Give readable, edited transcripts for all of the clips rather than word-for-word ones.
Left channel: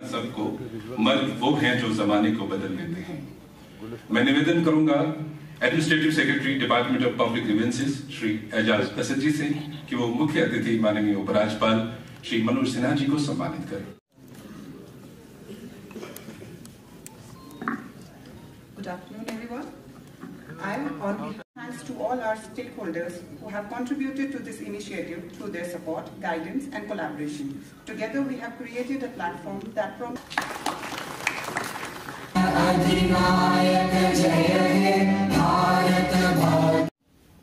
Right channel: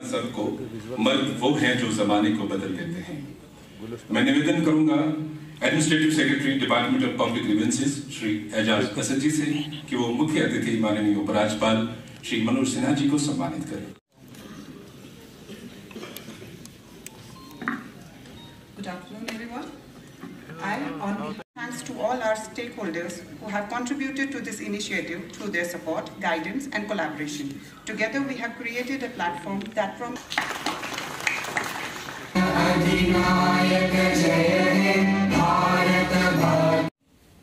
सबको मर्द वो हैं जो जमाने को बदल देते हैं। मैं निवेदन करूंगा administrative secretary department of public grievances Shri Ejaz Asad ji से कि वो मुख्य अतिथि माननीय उपराज्यपाल श्री मनोज सिन्हा जी को सम्मानित करें। Good afternoon, everyone. Thanks to all our stakeholders who have contributed to this initiative through their support, guidance, and collaboration. Together, we have created a platform that promotes.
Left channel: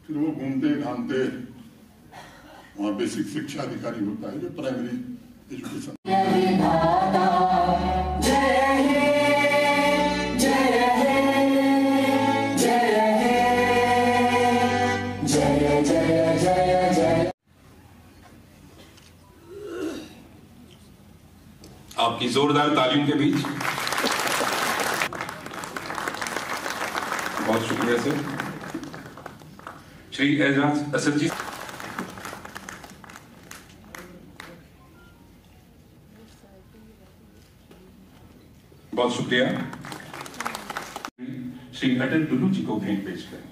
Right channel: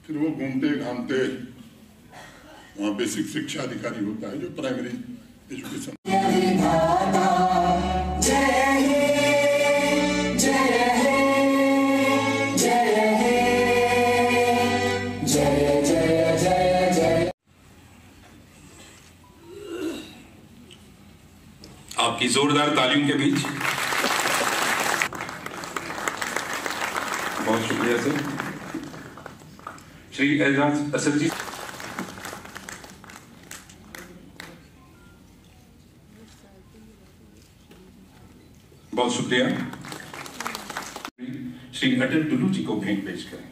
फिर वो घूमते घामते वहाँ बेसिक शिक्षा अधिकारी होता है जो प्राइमरी एजुकेशन। आपकी जोरदार तालियों के बीच बहुत शुक्रिया सर। श्री एजाज असद जी, बहुत शुक्रिया। श्री अटल डुलू जी को भेंट पेश करें।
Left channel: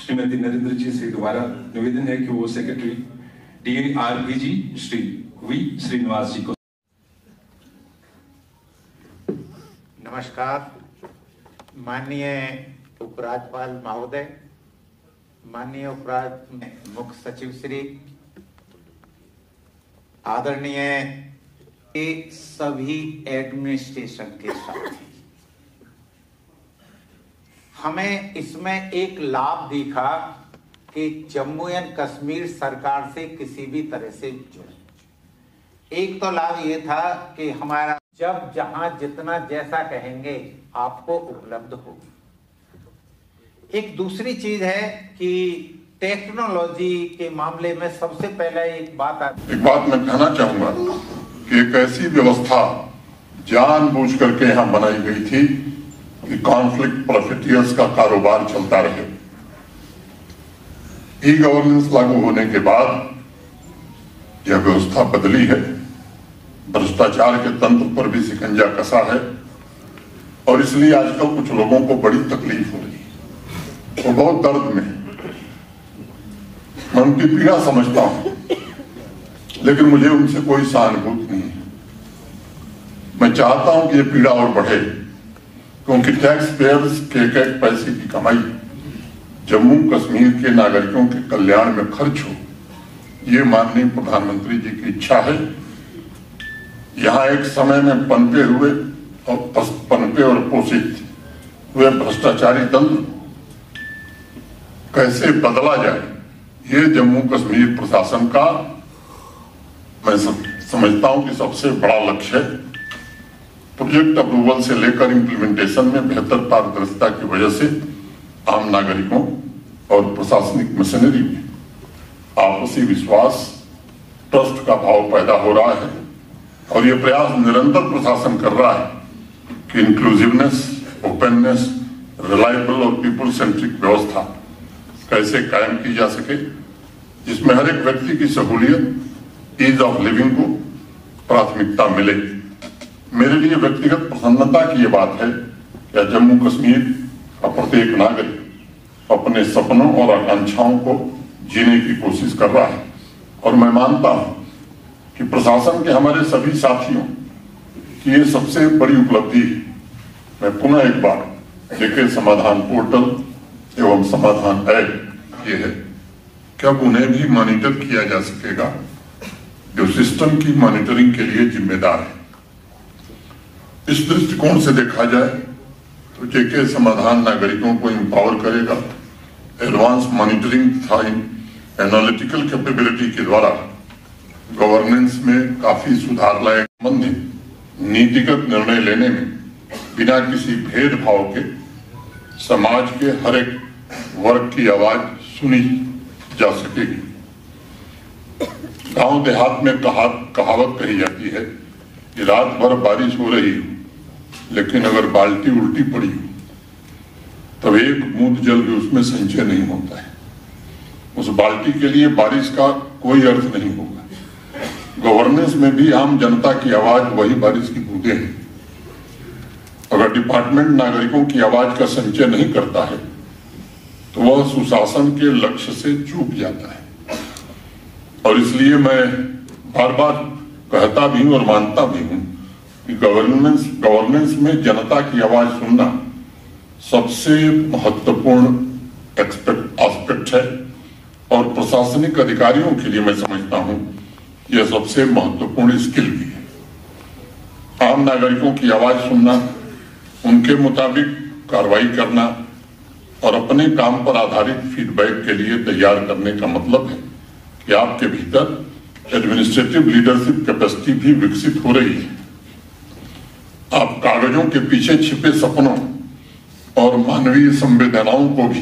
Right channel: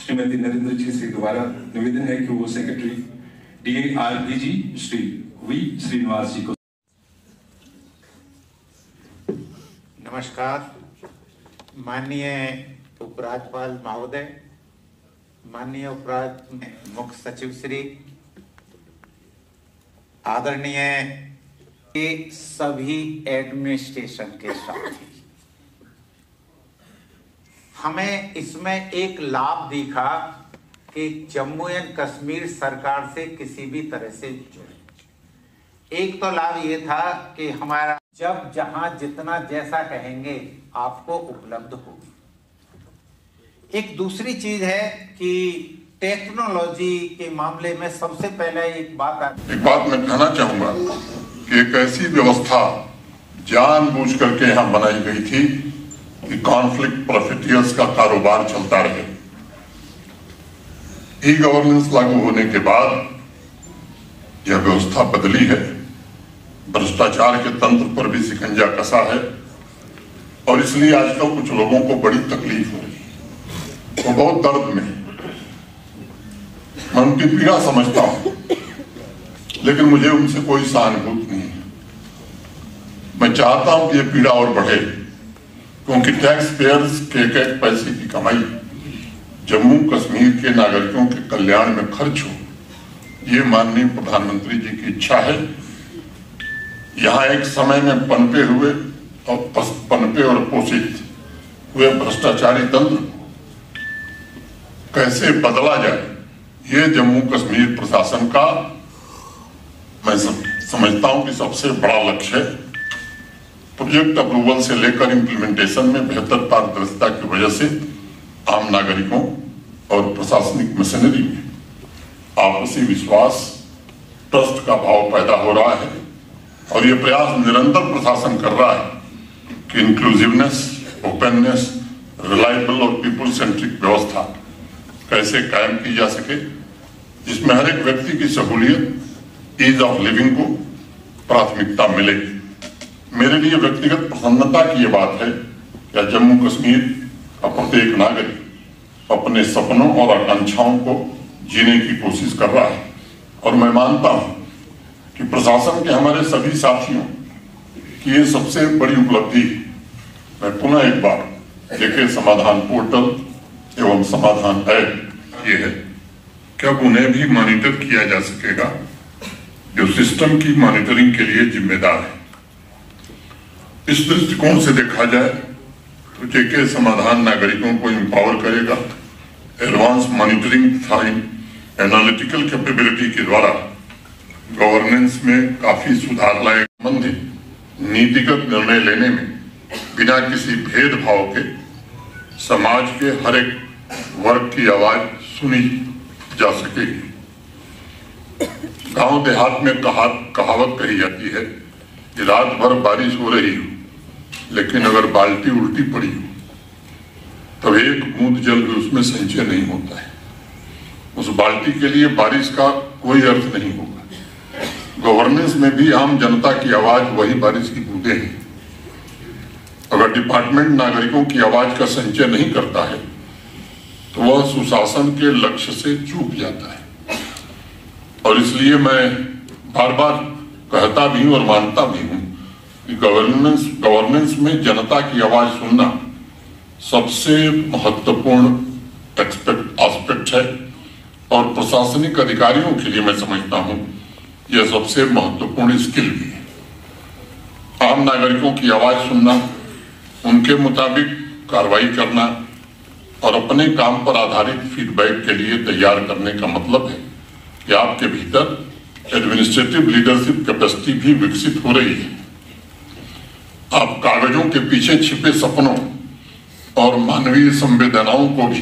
श्रीमती नरेंद्र जी से दोबारा निवेदन है कि वो secretary DARPG Shri V Srinivas ji को। नमस्कार। माननीय उपराज्यपाल महोदय, माननीय मुख्य सचिव श्री, आदरणीय सभी एडमिनिस्ट्रेशन के साथ हमें इसमें एक लाभ दिखा कि जम्मू एंड कश्मीर सरकार से किसी भी तरह से जुड़े। एक तो लाभ ये था कि हमारा जब जहां जितना जैसा कहेंगे आपको उपलब्ध होगी। एक दूसरी चीज है कि टेक्नोलॉजी के मामले में सबसे पहले एक बात मैं कहना चाहूंगा कि एक ऐसी व्यवस्था जानबूझ करके यहाँ बनाई गई थी कि कॉन्फ्लिक्ट प्रॉफिटियर्स का कारोबार चलता रहे। ई गवर्नेंस लागू होने के बाद यह व्यवस्था बदली है। भ्रष्टाचार के तंत्र पर भी शिकंजा कसा है और इसलिए आजकल कुछ लोगों को बड़ी तकलीफ हो रही है, वो बहुत दर्द में है। मैं उनकी पीड़ा समझता हूं, लेकिन मुझे उनसे कोई सहानुभूति नहीं है। मैं चाहता हूं कि यह पीड़ा और बढ़े, क्योंकि टैक्स पेयर्स के एक पैसे की कमाई जम्मू कश्मीर के नागरिकों के कल्याण में खर्च हो, ये माननीय प्रधानमंत्री जी की इच्छा है। यहाँ एक समय में पनपे और पोषित हुए भ्रष्टाचारी तंत्र कैसे बदला जाए, ये जम्मू कश्मीर प्रशासन का मैं समझता हूं कि सबसे बड़ा लक्ष्य है। प्रोजेक्ट अप्रूवल से लेकर इम्प्लीमेंटेशन में बेहतर पारदर्शिता की वजह से आम नागरिकों और प्रशासनिक मशीनरी में आपसी विश्वास, ट्रस्ट का भाव पैदा हो रहा है और यह प्रयास निरंतर प्रशासन कर रहा है कि इंक्लूसिवनेस, ओपननेस, रिलायबल और पीपल सेंट्रिक व्यवस्था कैसे कायम की जा सके, जिसमें हर एक व्यक्ति की सहूलियत, ईज ऑफ लिविंग को प्राथमिकता मिले। मेरे लिए व्यक्तिगत प्रसन्नता की यह बात है कि जम्मू कश्मीर का प्रत्येक नागरिक अपने सपनों और आकांक्षाओं को जीने की कोशिश कर रहा है और मैं मानता हूं कि प्रशासन के हमारे सभी साथियों की ये सबसे बड़ी उपलब्धि है। मैं पुनः एक बार देखे समाधान पोर्टल एवं समाधान ऐप ये है कि अब उन्हें भी मॉनिटर किया जा सकेगा जो सिस्टम की मॉनिटरिंग के लिए जिम्मेदार है। इस दृष्टिकोण से देखा जाए तो जेके समाधान नागरिकों को एम्पावर करेगा। एडवांस मॉनिटरिंग तथा एनालिटिकल कैपेबिलिटी के द्वारा गवर्नेंस में काफी सुधार लाए। संबंधित नीतिगत निर्णय लेने में बिना किसी भेदभाव के समाज के हर एक वर्ग की आवाज सुनी जा सकेगी। गांव देहात में कहावत कही जाती है कि रात भर बारिश हो रही हो, लेकिन अगर बाल्टी उल्टी पड़ी हो तो एक बूंद जल भी उसमें संचय नहीं होता है। उस बाल्टी के लिए बारिश का कोई अर्थ नहीं होगा। गवर्नेंस में भी आम जनता की आवाज वही बारिश की बूंदें हैं। अगर डिपार्टमेंट नागरिकों की आवाज का संचय नहीं करता है तो वह सुशासन के लक्ष्य से चूक जाता है। और इसलिए मैं बार बार कहता भी हूं और मानता भी हूं कि गवर्नेंस में जनता की आवाज सुनना सबसे महत्वपूर्ण एस्पेक्ट है और प्रशासनिक अधिकारियों के लिए मैं समझता हूं यह सबसे महत्वपूर्ण स्किल भी है। आम नागरिकों की आवाज सुनना, उनके मुताबिक कार्रवाई करना और अपने काम पर आधारित फीडबैक के लिए तैयार करने का मतलब है कि आपके भीतर एडमिनिस्ट्रेटिव लीडरशिप कैपेसिटी भी विकसित हो रही है। आप कागजों के पीछे छिपे सपनों और मानवीय संवेदनाओं को भी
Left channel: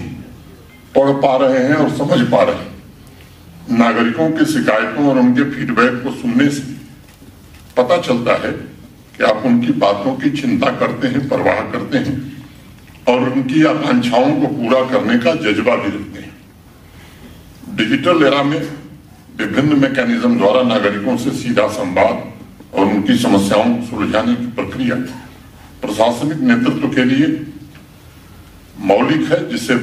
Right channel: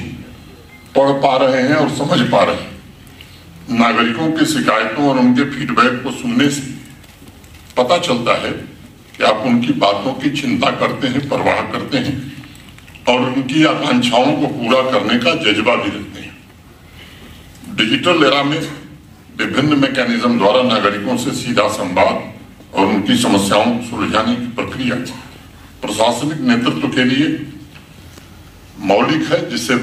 पढ़ पा रहे हैं और समझ पा रहे हैं। नागरिकों की शिकायतों और उनके फीडबैक को सुनने से पता चलता है कि आप उनकी बातों की चिंता करते हैं, परवाह करते हैं और उनकी आकांक्षाओं को पूरा करने का जज्बा भी रखते हैं। डिजिटल एरा में विभिन्न मैकेनिज्म द्वारा नागरिकों से सीधा संवाद और उनकी समस्याओं को सुलझाने की प्रक्रिया प्रशासनिक नेतृत्व के लिए मौलिक है, जिससे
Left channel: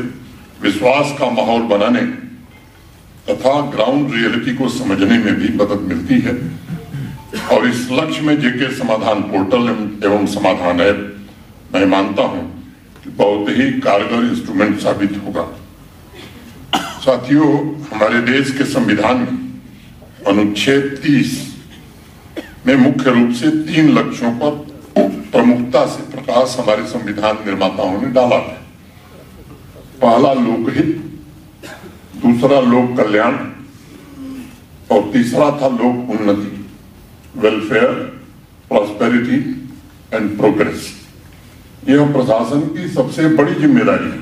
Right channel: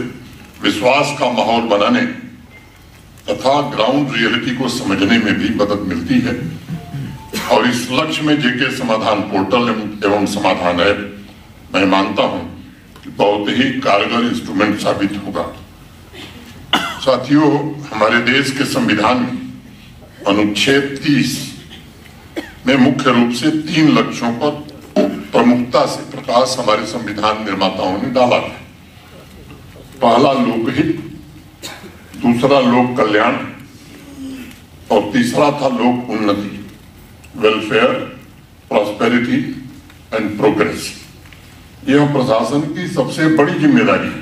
विश्वास का माहौल बनाने तथा ग्राउंड रियलिटी को समझने में भी मदद मिलती है। और इस लक्ष्य में जेके समाधान पोर्टल एवं समाधान ऐप मैं मानता हूं कि बहुत ही कारगर इंस्ट्रूमेंट साबित होगा। साथियों, हमारे देश के संविधान में अनुच्छेद 30 में मुख्य रूप से 3 लक्ष्यों पर प्रमुखता से प्रकाश हमारे संविधान निर्माताओं ने डाला है। पहला लोकहित, दूसरा लोक कल्याण और तीसरा था लोक उन्नति, वेलफेयर, प्रॉस्पेरिटी एंड प्रोग्रेस। यह प्रशासन की सबसे बड़ी जिम्मेदारी है